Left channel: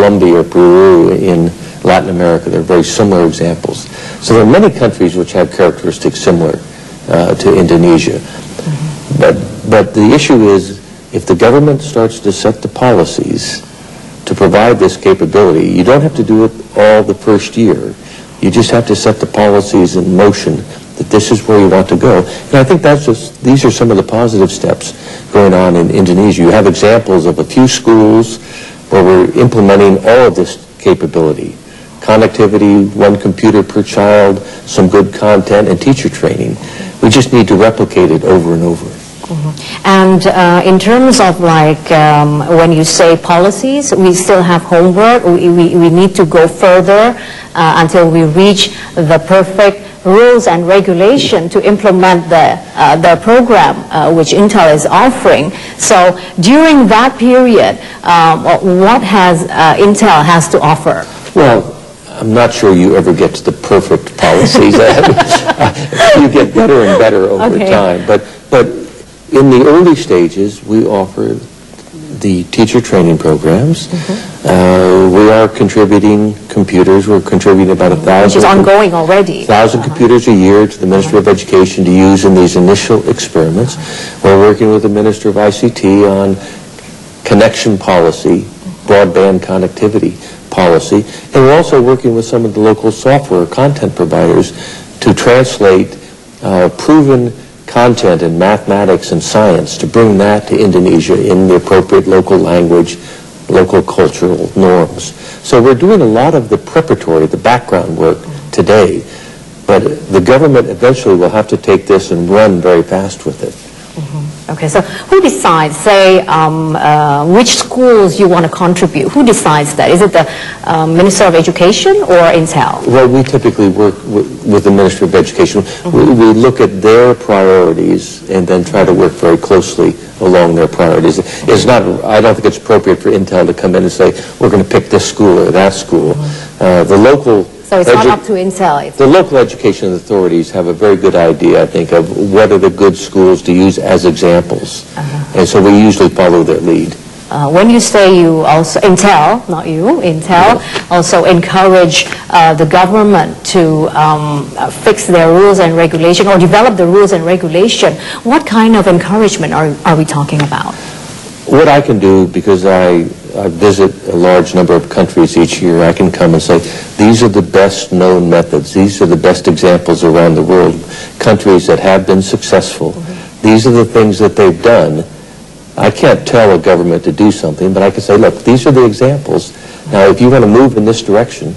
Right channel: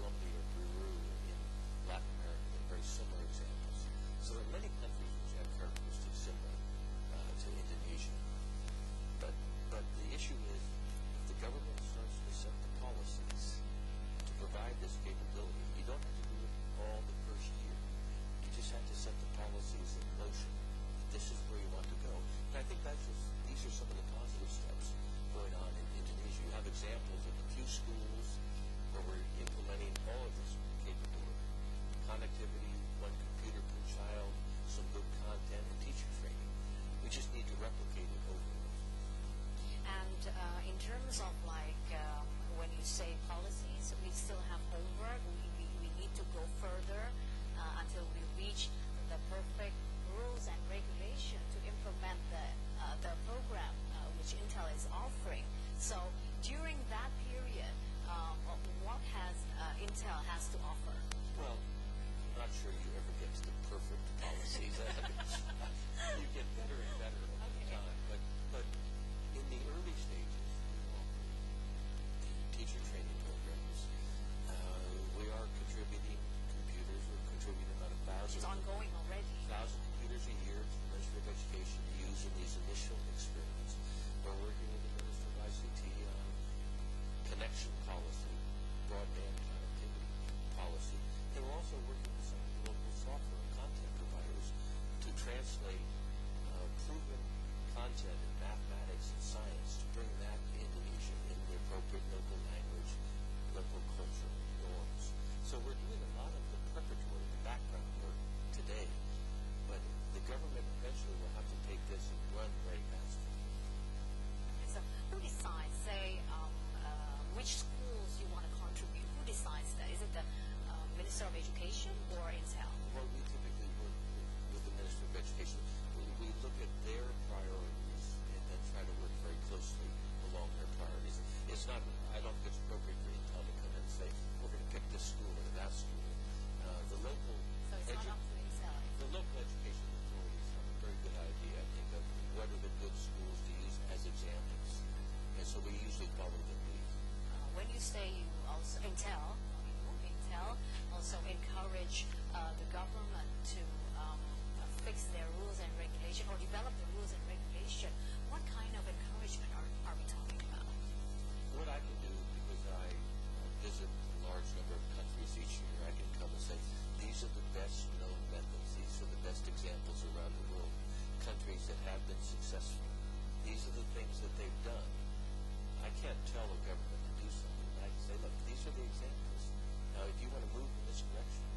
Colombia or Peru in Latin America. They're very similar examples. So there are many countries which have characteristics similar to Indonesia. But the issue is, if the government starts to set the policies to provide this capability, you don't have to do it all the first year. You just have to set the policies in motion that this is where you want to go. And I think these are some of the positive steps going on in Indonesia. You have examples of a few schools where we're implementing all of this capability. Connectivity, one computer per child, some good content, and teacher training. We just need to replicate it over and over. And in terms of when you say policies, we still have homework. We need to go further until we reach the perfect rules and regulation to implement the program which Intel is offering. So during that period, what has Intel has to offer? Well, I'm not sure you ever get to the perfect policies. You get better and better over time. But in the early stages, we offer the teacher training programs. We are contributing computers. We're contributing about 1,000. Which is ongoing already. 1,000 computers a year to the Ministry of Education to use in these initial experiments. We're working with the Minister of ICT on connection policy, broadband connectivity policy, and we're also working with some of the local software content providers to translate proven content in mathematics and science, to bring that to Indonesia in the appropriate local language, local cultural norms. So we're doing a lot of the preparatory, the background work today, but the government eventually will have to take this and run very fast with it. Okay, so who decides, say, which schools you want to contribute? Who decides that? Is it the Minister of Education or Intel? Well, we typically work with the Ministry of Education. We look at their priorities and then try to work very closely along their priorities. It's not, I don't think it's appropriate for Intel to come in and say, we're going to pick this school or that school. The local... So it's not up to Intel. The local education authorities have a very good idea, I think, of what are the good schools to use as examples. And so we usually follow their lead. When you say you also, Intel, not you, Intel, also encourage the government to fix their rules and regulation or develop the rules and regulation, what kind of encouragement are we talking about? What I can do, because I visit a large number of countries each year, I can come and say, these are the best known methods, these are the best examples around the world, countries that have been successful. These are the things that they've done. I can't tell a government to do something, but I can say, look, these are the examples. Now, if you want to move in this direction,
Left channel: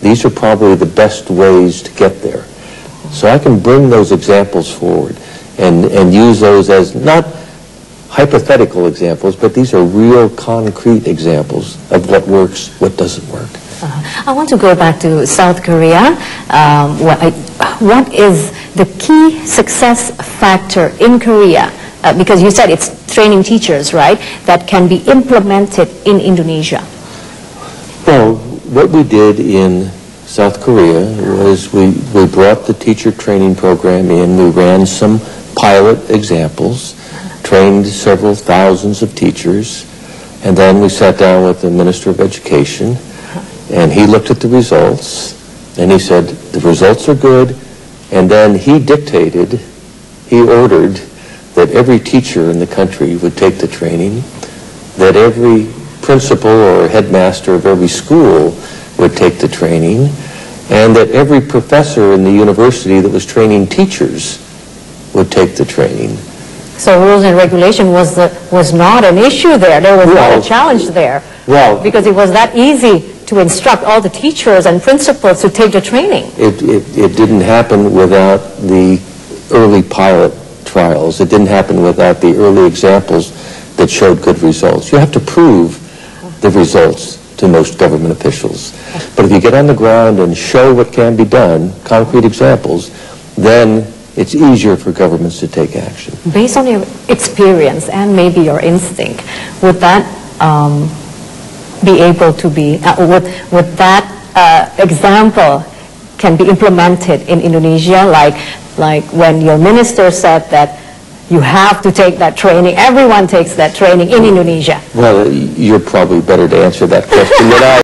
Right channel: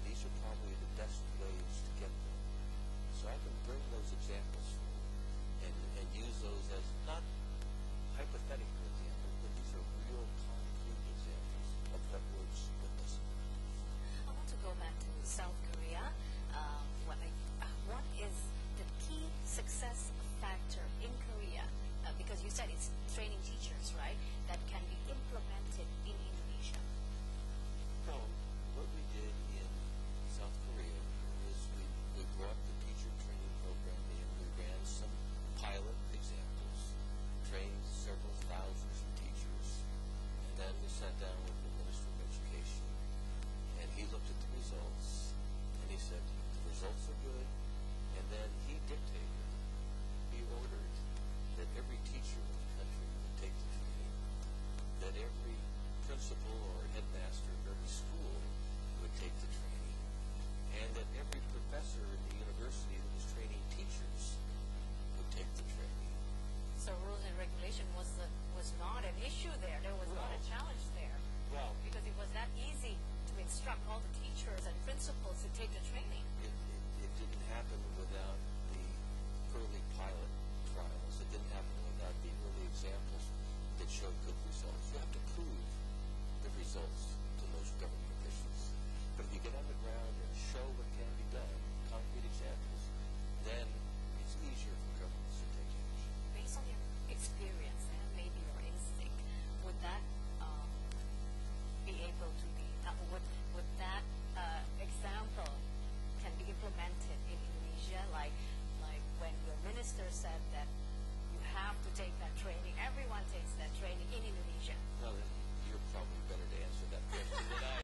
these are probably the best ways to get there. So I can bring those examples forward and use those as not hypothetical examples, but these are real concrete examples of what works, what doesn't work. I want to go back to South Korea. What is the key success factor in Korea? Because you said it's training teachers, right, that can be implemented in Indonesia. Well, what we did in South Korea was we brought the teacher training program in. We ran some pilot examples, trained several thousands of teachers, and then we sat down with the Minister of Education, and he looked at the results, and he said, the results are good, and then he ordered that every teacher in the country would take the training, that every principal or headmaster of every school would take the training, and that every professor in the university that was training teachers would take the training. So rules and regulation was not an issue there. There was not a challenge there. Well, because it was that easy to instruct all the teachers and principals to take the training. It didn't happen without the early pilot trials. It didn't happen without the early examples that showed good results. You have to prove the results to most government officials. But if you get on the ground and show what can be done, concrete examples, then it's easier for governments to take action. Based on your experience and maybe your instinct, would that be able to be, would that example can be implemented in Indonesia, like when your minister said that you have to take that training, everyone takes that training in Indonesia? Well, you're probably better to answer that question than I.